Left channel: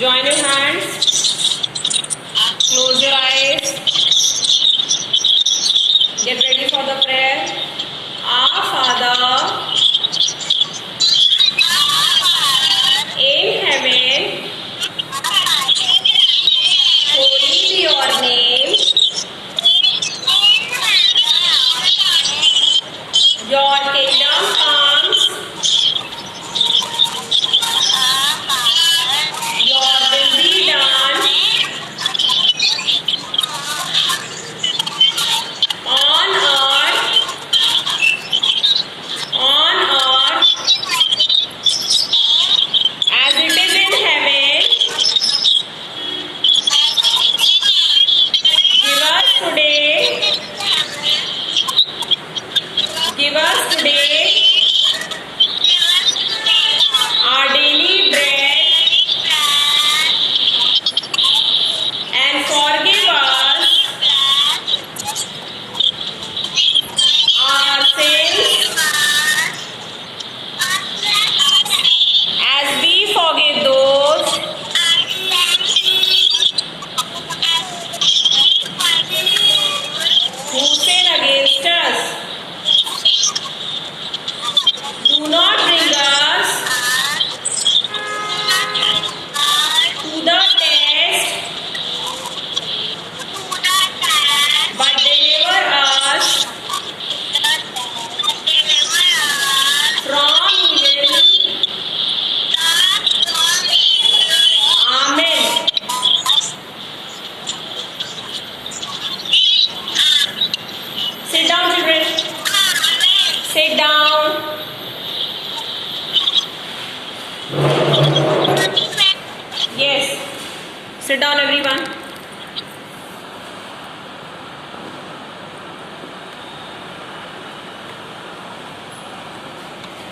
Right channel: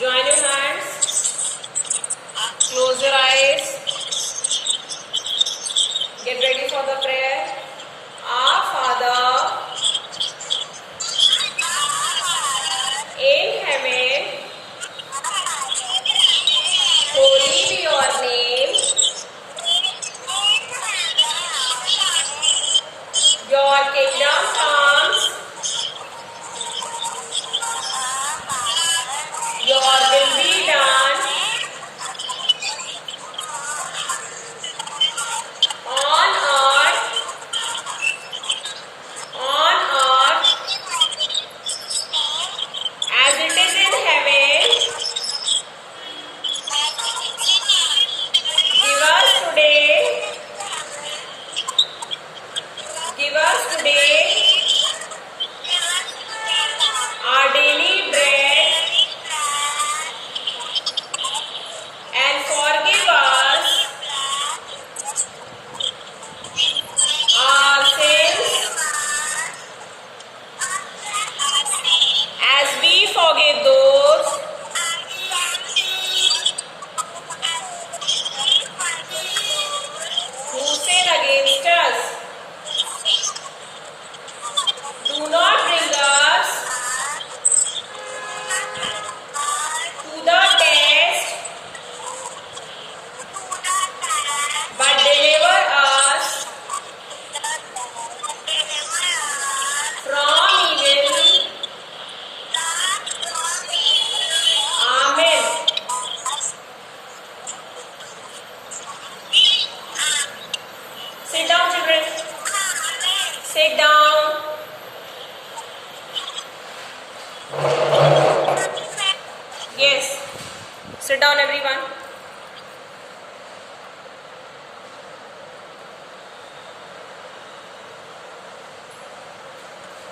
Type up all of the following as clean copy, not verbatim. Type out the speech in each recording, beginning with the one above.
Join your hands. Close your eyes. Get ready for the prayer. Our Father in heaven, holy be your name. Your kingdom comes. Your will be done on earth as it is in heaven. Give us today our daily bread, and forgive us our sins as we forgive those who sin against us. Do not bring us to the test, but deliver us from evil. Amen. Sit down, children. Sit down. Yes. Sit down, everyone.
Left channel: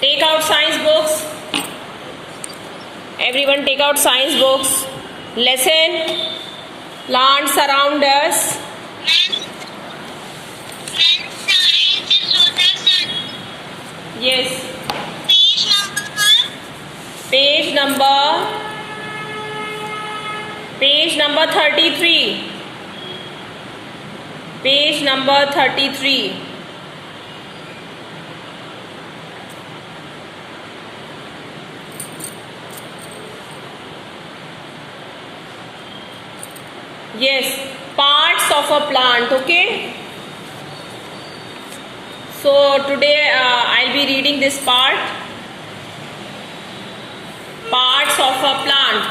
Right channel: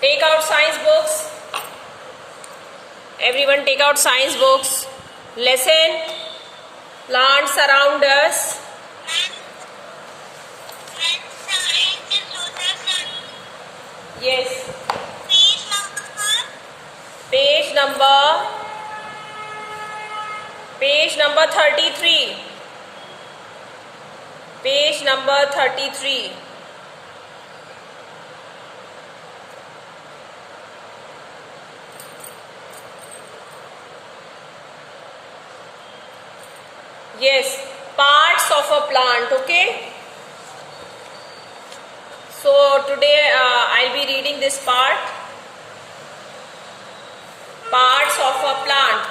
Take out science books. Everyone take out science books. Lesson. Plants around us. Yes. Page number 33. Page number 33. Yes, parts of a plant, okay? So today I'll be reading this part. Parts of a plant.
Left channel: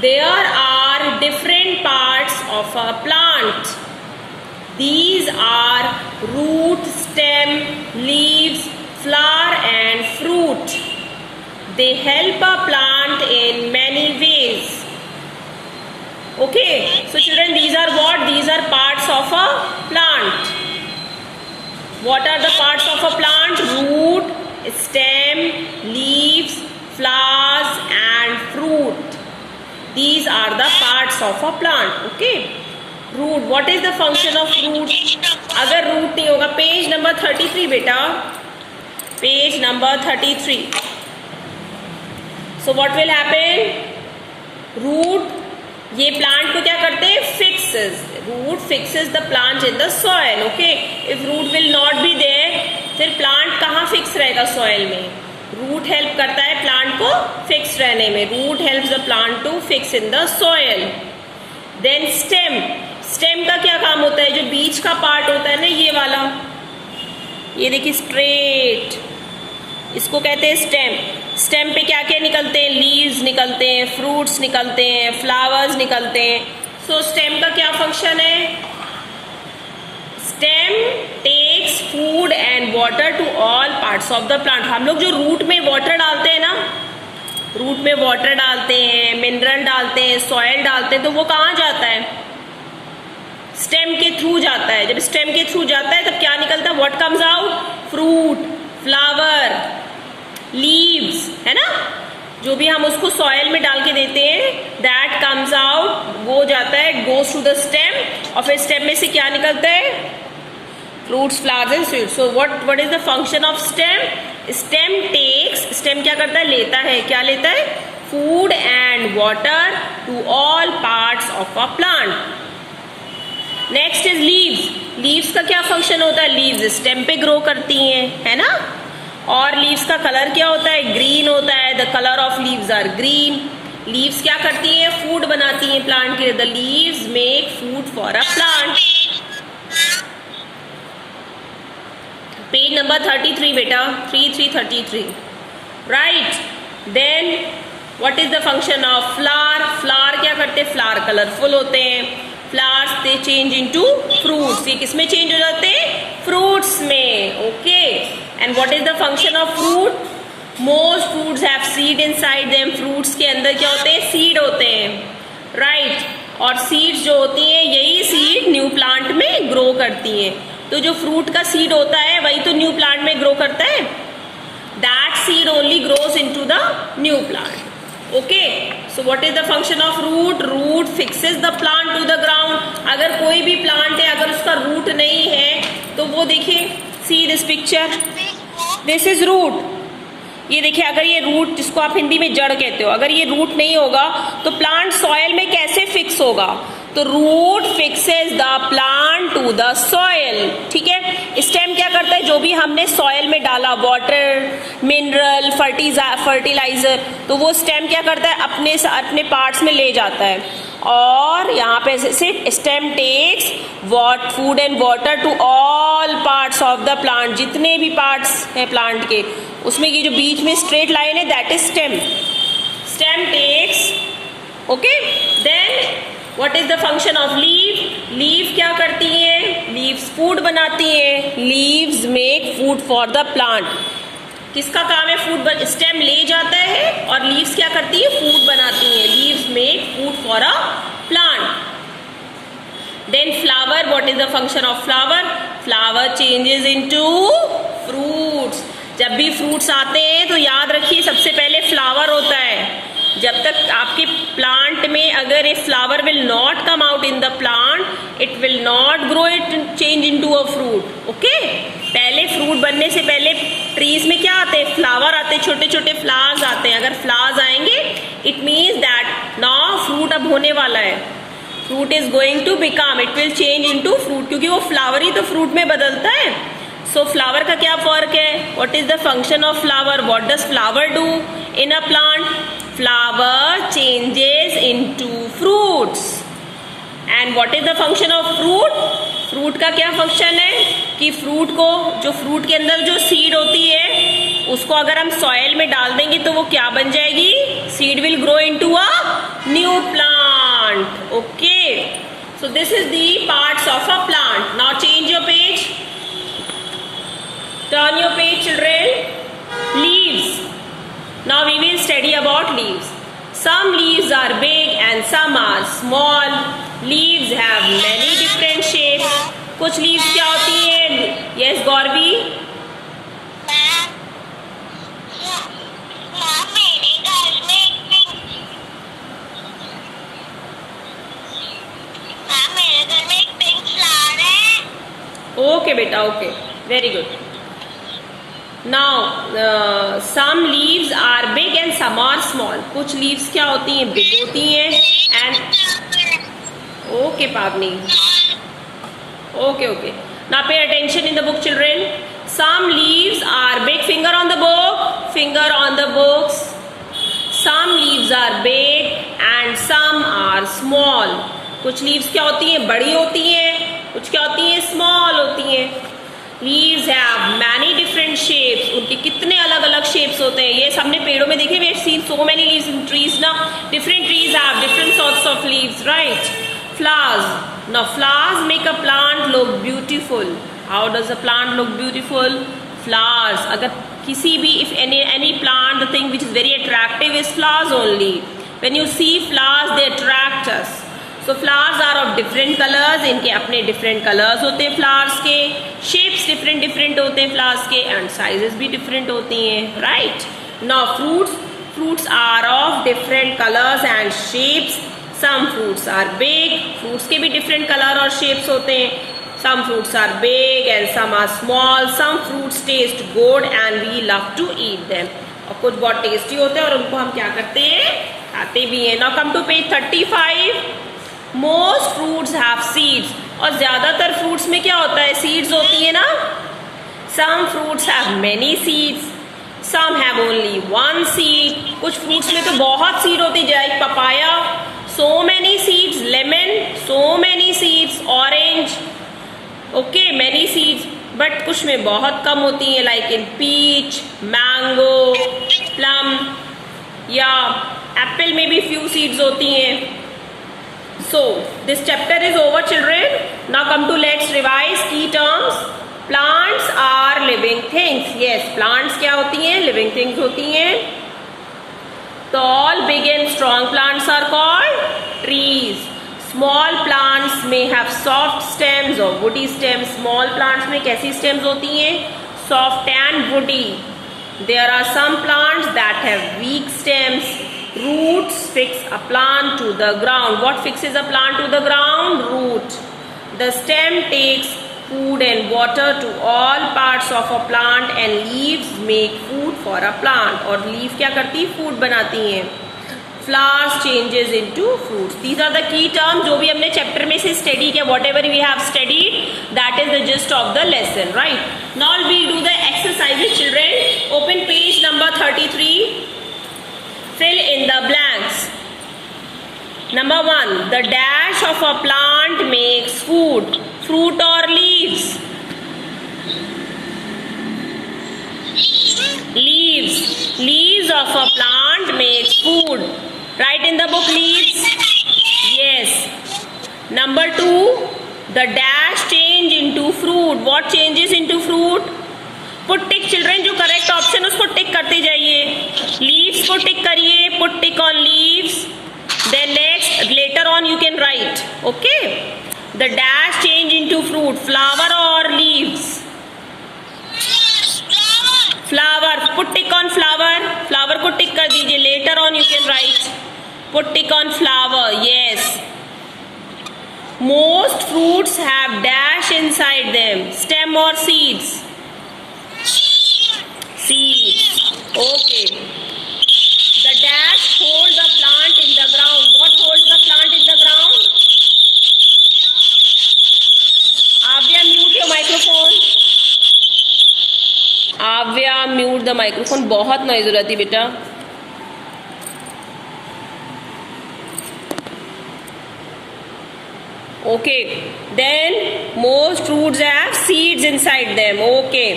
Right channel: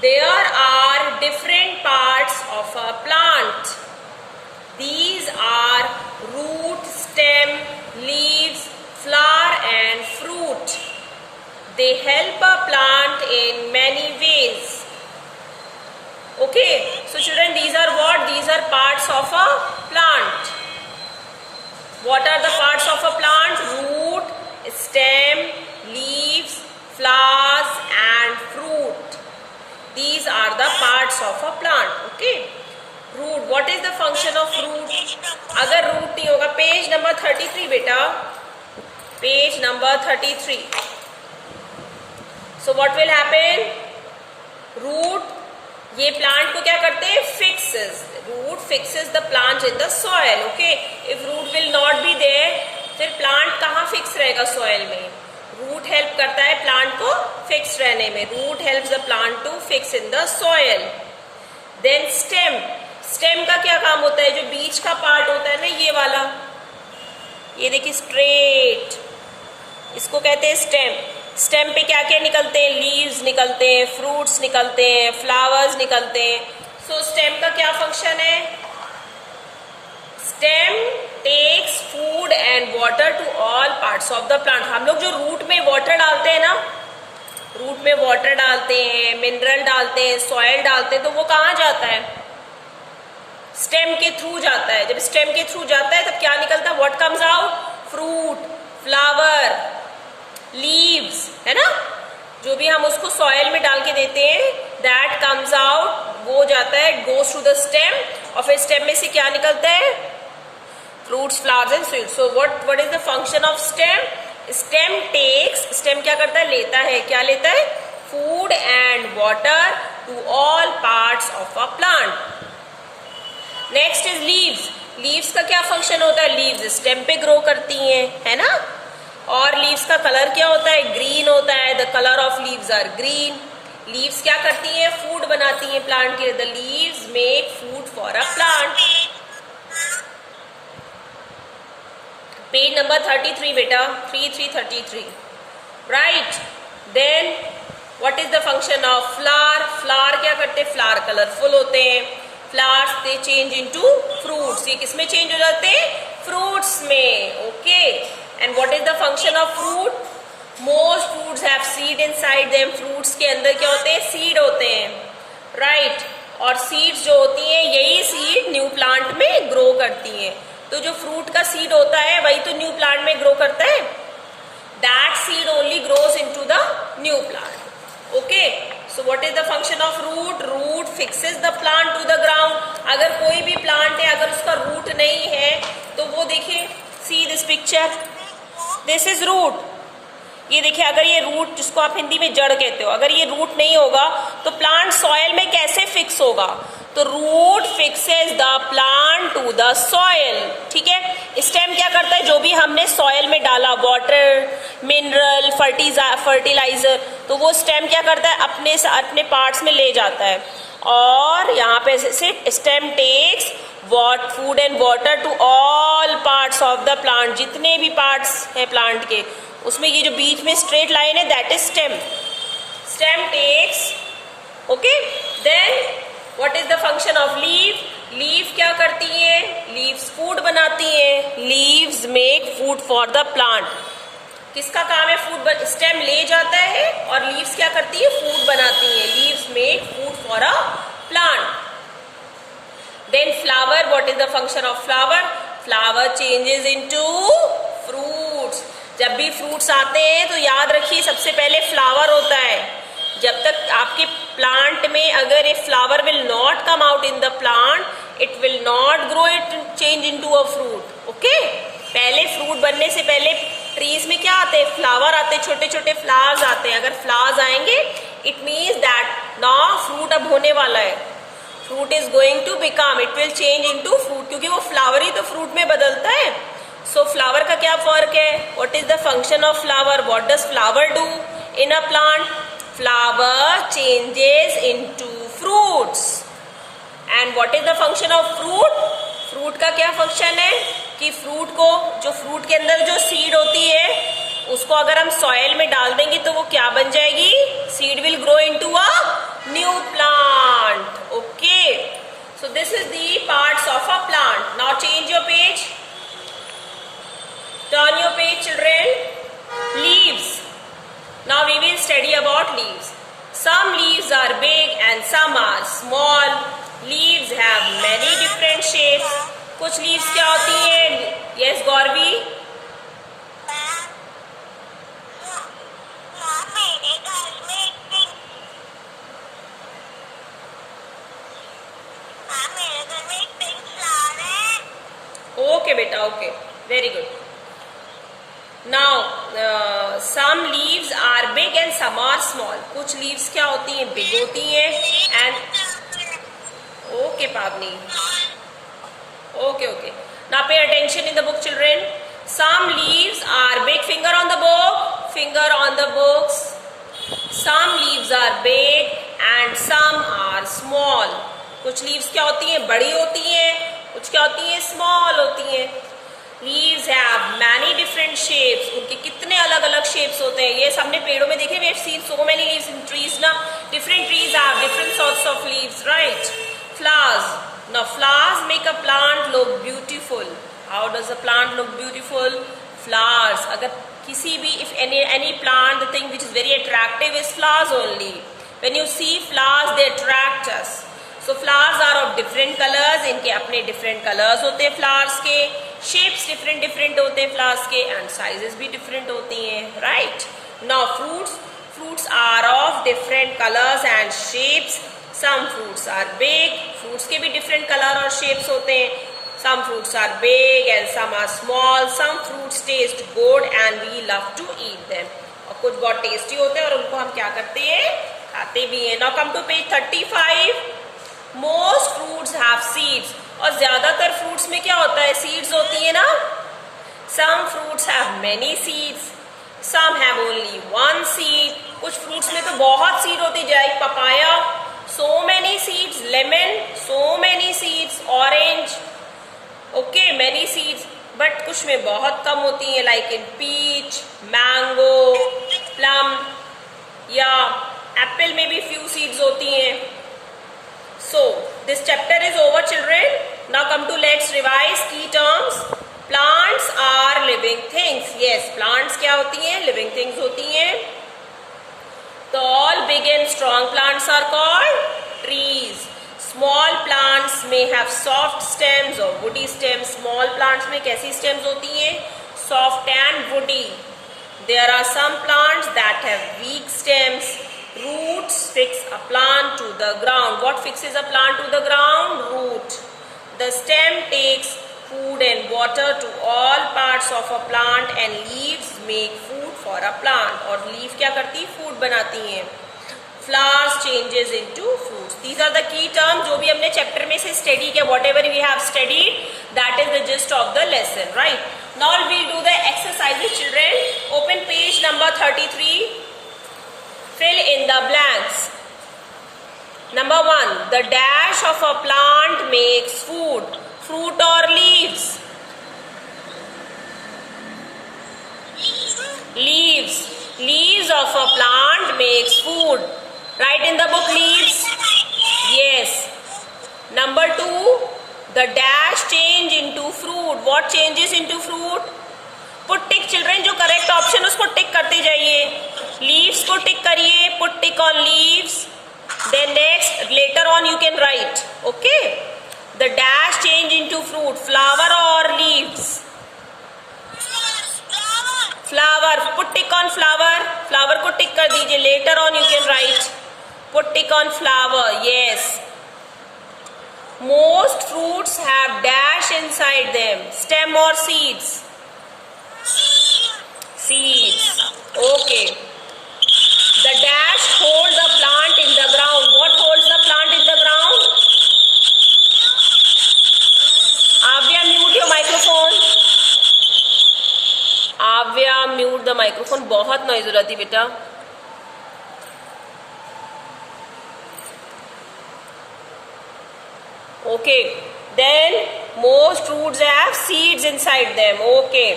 There are different parts of a plant. These are root, stem, leaves, flower and fruit. They help a plant in many ways. Okay, so children, these are what? These are parts of a plant. What are the parts of a plant? Root, stem, leaves, flowers and fruit. These are the parts of a plant. Okay. Root. What is the function of root? अगर root नहीं होगा, page number 33 बेटा. Page number 33. So what will happen? Root. ये plant को क्या करते हैं? Fixes. Root fixes the plant in the soil. Okay. If root will not be there, फिर plant कहाँ fix रहेगा soil में? Root help करता है plant को fix रहने में. Root helps the plant to fix in the soil. Then stem. Stem का क्या काम होता है? जो बीच का part होता है ना, ये वाला, ये देखिए straight, इसको कहते हैं stem. Stem पे क्या क्या निकलते हैं? Leaves निकलते हैं, fruits निकलते हैं, flowers निकलते हैं. So stem का क्या function है? Stem takes food and water to all parts of the plant. हम लोग जो root में water डालते हैं ना, root में water डालते हैं, mineral डालते हैं, soil डालते हैं, तो वो कहाँ जाता है? Stem के through जाता है. जब stem के through जाता है तब क्या निकलता है? What comes out? Fruit, flower, leaves, है ना? जो भी हम उसको soil में डाल के देते हैं, that comes out, वो जाता है, goes to the stem, और फिर stem में से क्या निकलता है? Fruits, flowers and seeds. So what is the function of stem? Stem takes, stem क्या करता है? लेता है. क्या लेता है? food and water to all parts of a plant. Next is leaves. Leaves का क्या फंक्शन होता है? Leaves स्टेम पे ग्रो करती हैं, है ना? और लीव्स का कलर क्या होता है? ग्रीन होता है. The colour of leaves are green. Leaves क्या करती हैं? फूड बनाती हैं प्लांट के लिए. The leaves make food for a plant. Page number 33 बेटा, 3333. Right. Then what is the function of flower? Flower क्या करते हैं? फ्लावर कलरफुल होते हैं. Flowers they change into fruits. ये किस में चेंज हो जाते हैं? फ्रूट्स में. Okay. And what is the function of fruit? Most fruits have seed inside them. Fruits के अंदर क्या होते हैं? सीड होते हैं. राइट. और सीड्स जो होती हैं, यही सीड न्यू प्लांट में ग्रो करती हैं. तो जो फ्रूट का सीड होता है वही तो न्यू प्लांट में ग्रो करता है. That seed only grows into the new plant. Okay. So what is the function of root? Root fixes the plant to the ground. अगर कोई भी प्लांट है, अगर उसका रूट नहीं है तो वो देखिए, see this picture, this is root. ये देखिए, अगर ये रूट, जिसको आप हिंदी में जड़ कहते हो, अगर ये रूट नहीं होगा तो प्लांट सॉइल में कैसे फिक्स होगा? तो root fixes the plant to the soil. ठीक है. स्टेम क्या करता है? जो भी हमने सॉइल में डाला, वाटर, मिनरल, फर्टिलाइजर, तो वो स्टेम क्या करता है? अपने पार्ट्स में ले जाता है. और यहाँ पे सिर्फ stem takes food and water to all parts of the plant. जितने भी पार्ट्स हैं प्लांट के, उसमें ये जो बीच में स्ट्रेट लाइन है, that is stem. Stem takes. Okay. Then what is the function of leaf? Leaf क्या करती है? लीव्स फूड बनाती है. Leaves make food for the plant. किसका काम है? फूड. स्टेम ले जाता है और लीव्स क्या करती है? फूड बनाती है. Leaves make food for a plant. Then flower. What is the function of flower? Flower changes into fruits. जब भी फ्रूट्स आते हैं तो याद रखिए, सबसे पहले फ्लावर होता है. जब तक आपके प्लांट में अगर ये flower will not come out in the plant, it will not grow, it change into a fruit. Okay. पहले फ्रूट बनने से पहले ट्रीज में क्या आते हैं? फ्लावर आते हैं, छोटे छोटे फ्लावर्स आते हैं. अगर फ्लावर्स आएंगे, it means that now fruit अब होने वाला है. Fruit is going to become, it will change into fruit, क्योंकि वो फ्लावर ही तो फ्रूट में बदलता है. सो फ्लावर का क्या फर्क है? What is the function of flower? What does flower do in a plant? Flower changes into fruits. And what is the function of fruit? Fruit का क्या फंक्शन है कि फ्रूट को, जो फ्रूट के अंदर जो सीड होती है, उसको अगर हम सॉइल में डाल देंगे तो वो क्या बन जाएगी? Seed will grow into a new plant. Okay. So this is the parts of a plant. Now change your page. Turn your page, children. Leaves. Now we will study about leaves. Some leaves are big and some are small. Leaves have many different shapes. कुछ leaves क्या होती है? Yes, Gauravi. Okay, बेटा. Okay, very good. Now, some leaves are big and some are small. कुछ leaves क्या होती हैं? Big होती हैं and okay, Pavni. Okay. Now pay attention in the book, children. Some leaves are big. Finger on the book. Finger on the books. Some leaves are big and some are small. कुछ leaves क्या होती हैं? बड़ी होती हैं. कुछ क्या होती हैं? Small होती हैं. Leaves have many different shapes. उनके कितने अलग अलग shapes होते हैं. ये हमने पेड़ों में देखे. We have seen so many leaves in trees ना. Different trees have different sorts of leaves, right? Flowers. Now flowers make a plant look beautiful. How does a plant look beautiful? Flowers. अगर किसी भी, if any plant, the thing which is very attractive is flowers only. When you see flowers, they attract us. So flowers are of different colors. इनके अपने different colors होते हैं flowers के. Shapes different होते हैं flowers के and sizes भी different होती हैं, right? Now fruits are of different colors and shapes. Some fruits are big. Fruits के भी different color और shapes होते हैं. Some fruits are big and some are small. Some fruits taste good and we love to eat them. और कुछ बहुत tasty होते हैं और उनको हम क्या करते हैं, खाते भी हैं। Now come to page 35। Most fruits have seeds, और ज्यादातर फ्रूट्स में क्या होता है, सीड्स होती है ना। Some fruits have many seeds, some have only one seed. कुछ फ्रूट्स में तो बहुत सीड होती है, like papaya, so many seeds, lemon, so many seeds, orange, okay, many seeds, but कुछ में बहुत कम होती है, like in peach, mango, plum, या एप्पल में भी few seeds होती हैं। So this chapter is over, children. Now come to let's revise key terms. Plants are living things. Yes, plants क्या होती हैं, living things होती हैं। Tall, big and strong plants are called trees. Small plants may have soft stems or woody stems. Small plants में कैसी stems होती हैं, soft and woody. There are some plants that have weak stems. Roots fix a plant to the ground. What fixes a plant to the ground? Root. The stem takes food and water to all parts of a plant, and leaves make food for a plant. और leaf क्या करती, food बनाती हैं। Flowers changes into fruits. These are the key terms जो भी हमने chapter में से स्टडी किया, whatever we have studied, that is the gist of the lesson, right? Now we'll do the exercises, children. Open page number 33. Fill in the blanks. Number 1, the dash of a plant makes food. Fruit or leaves? Leaves. Leaves of a plant makes food. Write in the book, leaves. Yes. Number 2, the dash change into fruit. What changes into fruit? Put tick, children. जो correct option उसको tick करते जाइए। Leaves को tick करिए, put tick on leaves. Then next, later on you can write. Okay. The dash change into fruit. Flower or leaves? Flower. Put tick on flower. Flower को tick कर दीजिए. Later on you can write. Put tick on flower. Yes. Most fruits have dash inside them. Stem or seeds? Seeds. Okay. The dash hold the plant in the ground. What holds the plant in the ground? Avya, mute your microphone. Avya, mute the microphone. बहुत noise हो रही थी बेटा। Okay. Then most fruits have seeds inside them. Okay.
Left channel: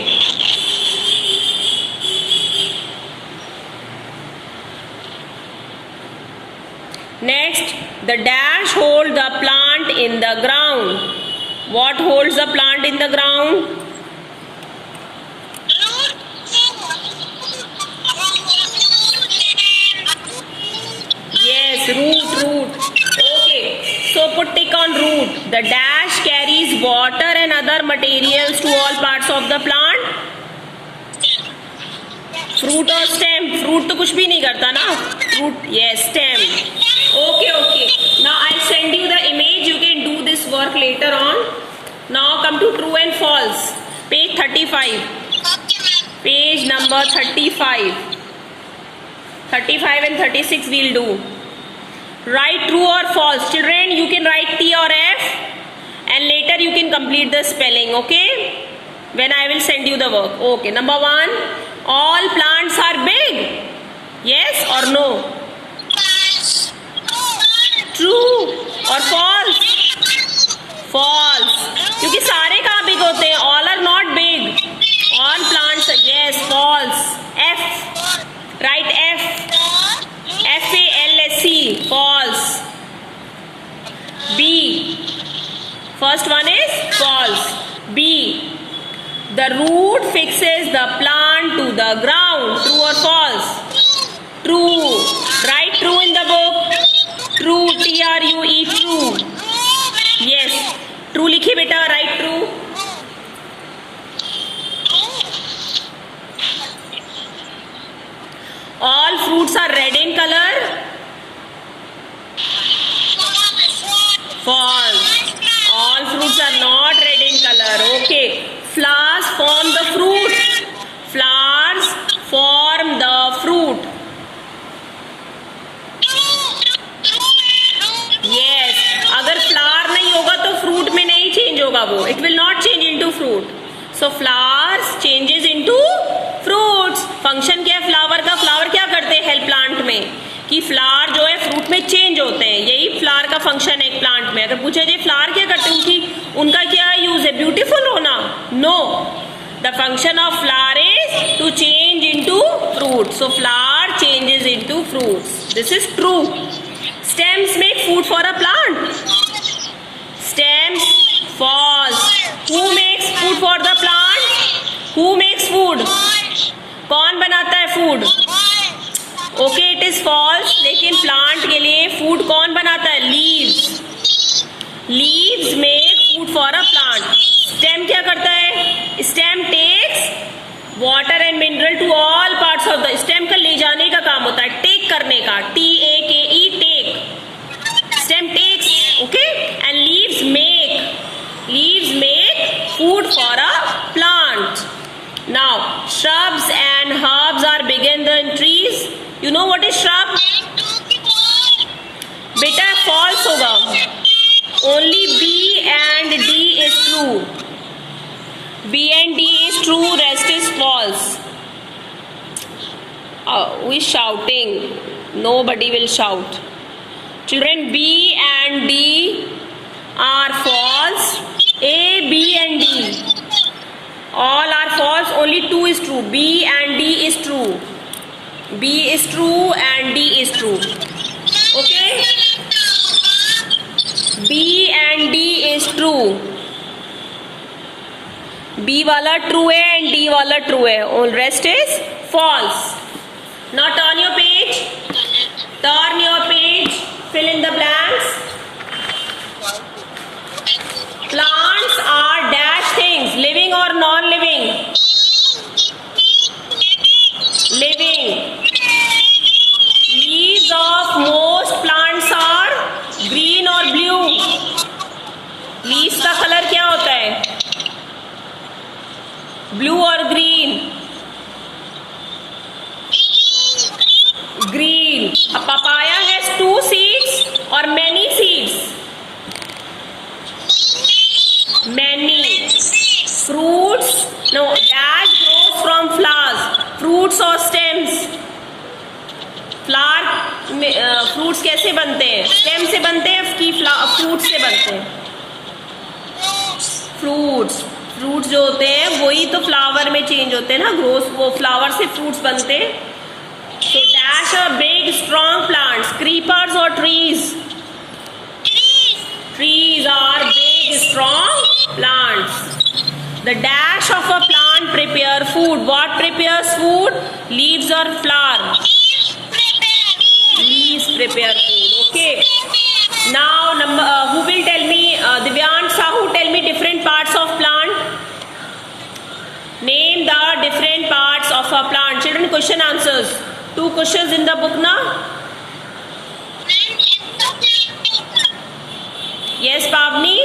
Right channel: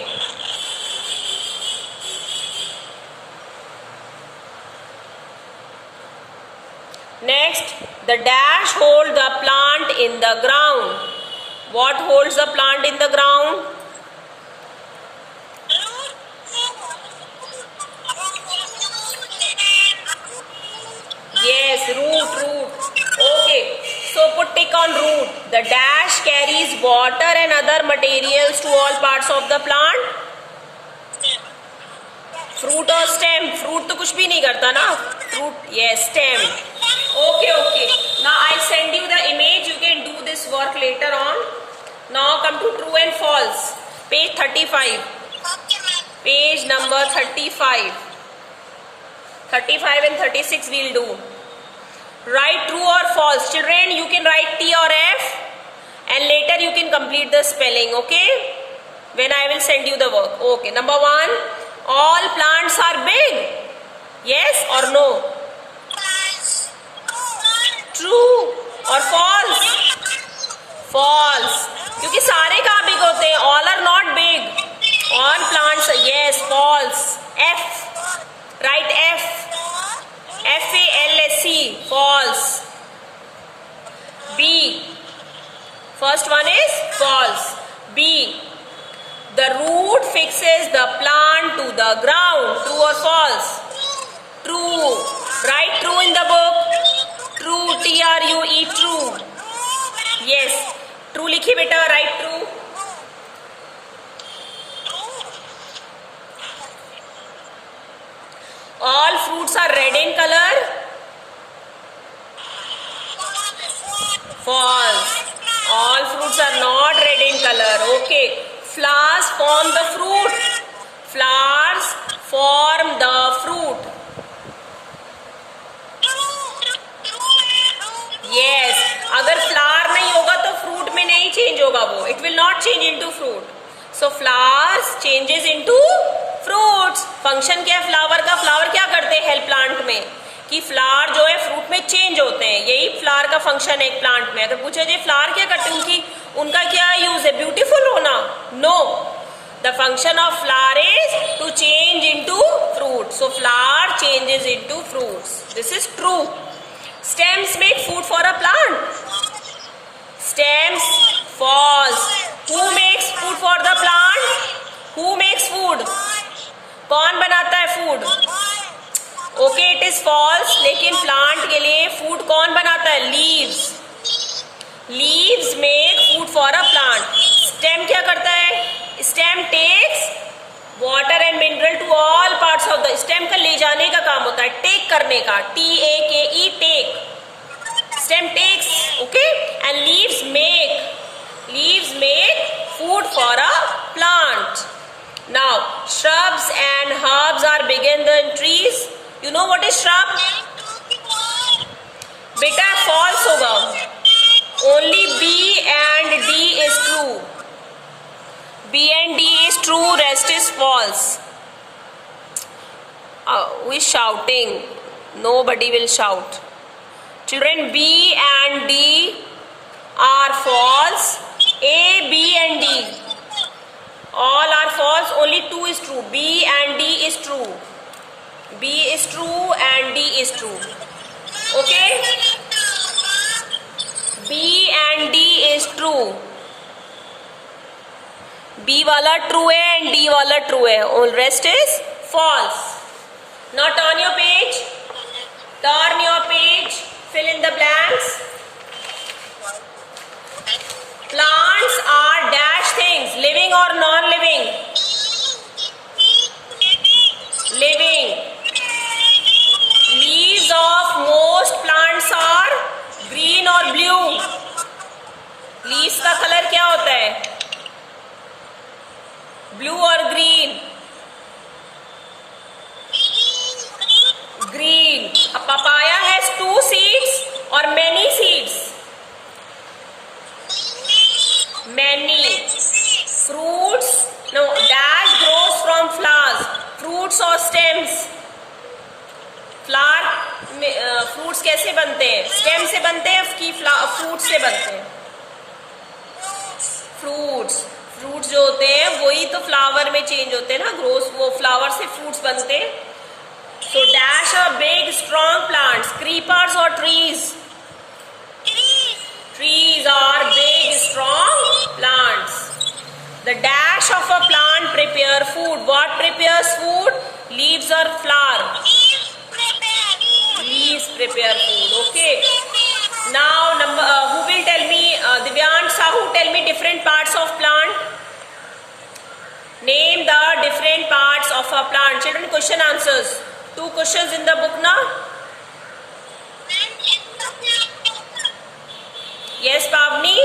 Next, the dash hold the plant in the ground. What holds the plant in the ground? Yes, root. Okay, so put tick on root. The dash carries water and other materials to all parts of the plant. Fruit or stem? Fruit तो कुछ भी नहीं करता ना. Fruit, yes, stem. Okay. Now I'll send you the image. You can do this work later on. Now come to true and false. Page 35. Page number 35. 35 and 36 we'll do. Write true or false. Children, you can write T or F, and later you can complete the spelling. Okay? When I will send you the work. Okay. Number 1. All plants are big. Yes or no? True or false? False. क्योंकि सारे कहाँ big होते हैं? All are not big. All plants, yes, false. F. Write F. F-A-L-S-E. False. B. First one is false. B. The root fixes the plant to the ground. True or false? True. Write true in the book. True. T-R-U-E. True. Yes. True लिखिए बेटा. Write true. All fruits are red in color. False. All fruits are not red in color. Okay. Flowers form the fruit. Flowers form the होगा वो, it will not change into fruit. So flowers changes into fruits. Function क्या है flower का? Flower क्या करते हैं help plant में कि फ्लावर जो है फ्रूट में चेंज होते हैं. यही फ्लावर का फंक्शन है एक प्लांट में. अगर पूछा जाए फ्लावर क्या करते हैं, उनका क्या यूज है? ब्यूटीफुल होना? No. The function of flower is to change into fruit. So flower changes into fruits. This is true. Stems make food for a plant. Stems false. Who makes food for the plant? Who makes food? कौन बनाता है food? Okay, it is false. लेकिन plant के लिए food कौन बनाता है? Leaves. Leaves make food for a plant. Stem क्या करता है? Stem takes water and mineral to all parts of the. Stem का ले जाने का काम होता है, टेक करने का. TAKE, take. Stem takes. Okay. And leaves make food for a plant. Now shrubs and herbs are bigger than trees. You know what is shrub? बेटा false होगा. Only B and D is true. B and D is true, rest is false. Who is shouting? Nobody will shout. Children, B and D are false. A, B and D all are false. Only 2 is true. B and D is true. B is true and D is true. Okay? B and D is true. B वाला true है and D वाला true है. All rest is false. Now turn your page. Turn your page. Fill in the blanks. Plants are dash things, living or non-living? Living. Leaves of most plants are green or blue? Leaves का colour क्या होता है? Blue और green? Green. A papaya has 2 seeds or many seeds? Many. Fruits, no, dash grows from flowers. Fruits or stems? Flower fruits कैसे बनते हैं? Stem से बनते हैं कि फ्रूट से बनते हैं? फ्रूट्स जो होते हैं वही तो फ्लावर में चेंज होते हैं ना, ग्रोस. वो फ्लावर से फ्रूट्स बनते हैं. So dash are big strong plants. Creepers or trees? Trees are big strong plants. The dash of a plant prepare food. What prepares food? Leaves or flower? Leaves prepare food. Okay. Now who will tell me? Divyan Sahu, tell me different parts of plant. Name the different parts of a plant. Children, question answers. 2 questions in the book now. Yes, Pavni.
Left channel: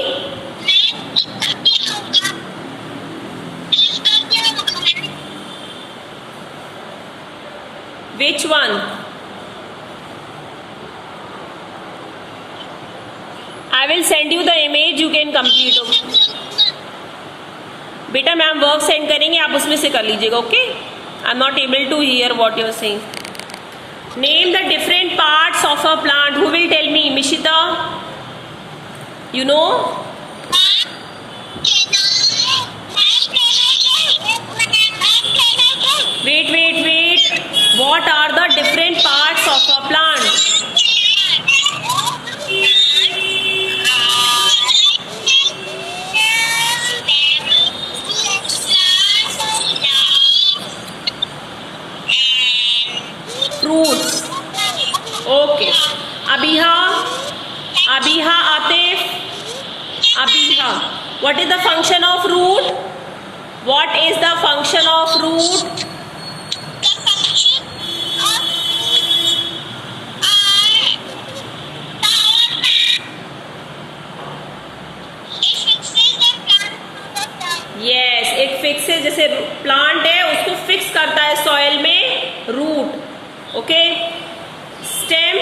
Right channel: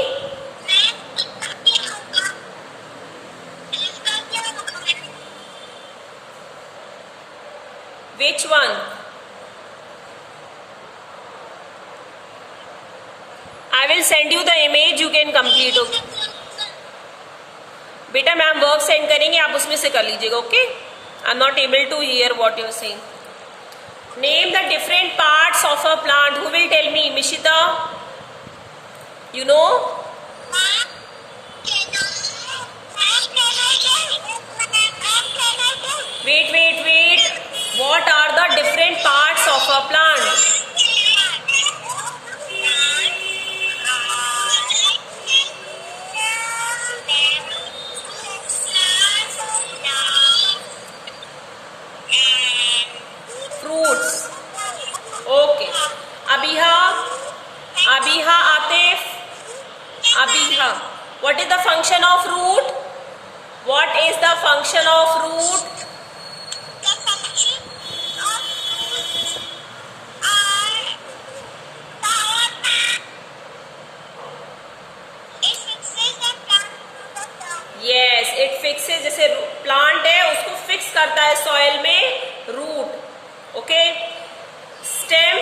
Which one? I will send you the image. You can complete. बेटा ma'am work send करेंगे, आप उसमें से कर लीजिएगा. ओके. I am not able to hear what you are saying. Name the different parts of a plant. Who will tell me? Mishita? You know? Wait. What are the different parts of a plant? Fruits. Okay. Abiha, Atif. Abiha. What is the function of root? What is the function of root? The function of root are power. It fixes the plant to the ground. Yes, it fixes. जैसे plant है उसको fix करता है soil में root. Okay. Stem,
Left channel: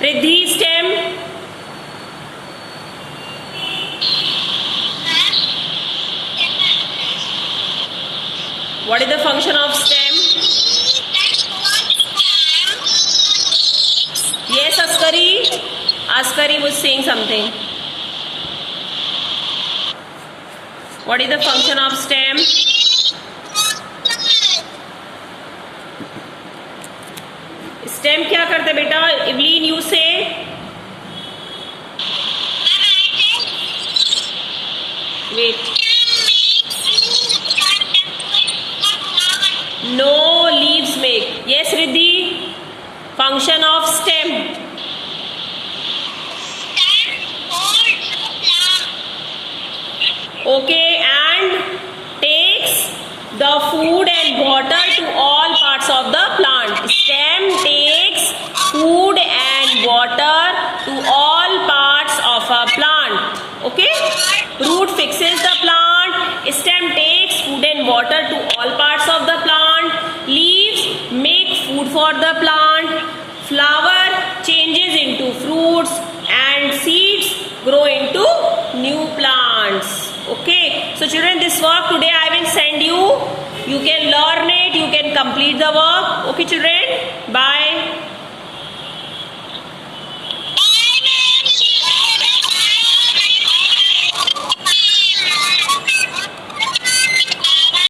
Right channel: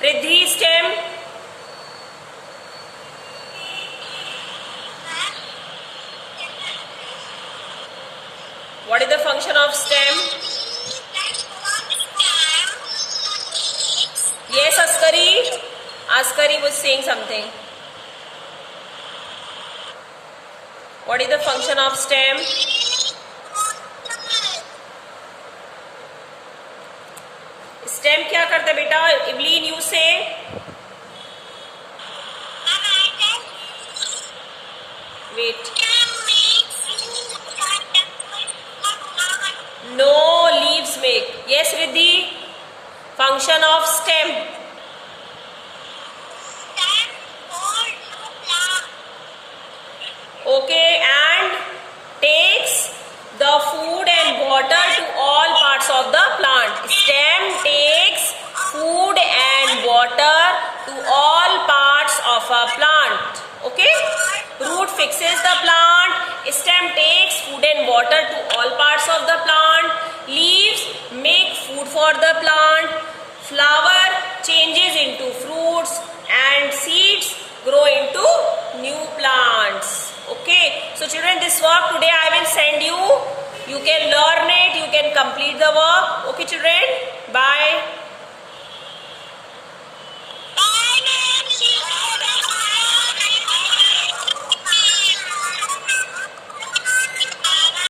Riddhi stem. What is the function of stem? Yes, Askari. Askari was saying something. What is the function of stem? Stem क्या करता है बेटा? Evelyn, you say. Wait. No leaves make. Yes, Riddhi. Function of stem. Okay, and takes the food and water to all parts of the plant. Stem takes food and water to all parts of a plant. Okay? Root fixes the plant. Stem takes food and water to all parts of the plant. Leaves make food for the plant. Flower changes into fruits and seeds grow into new plants. Okay, so children, this work today I will send you. You can learn it, you can complete the work. Okay children, bye.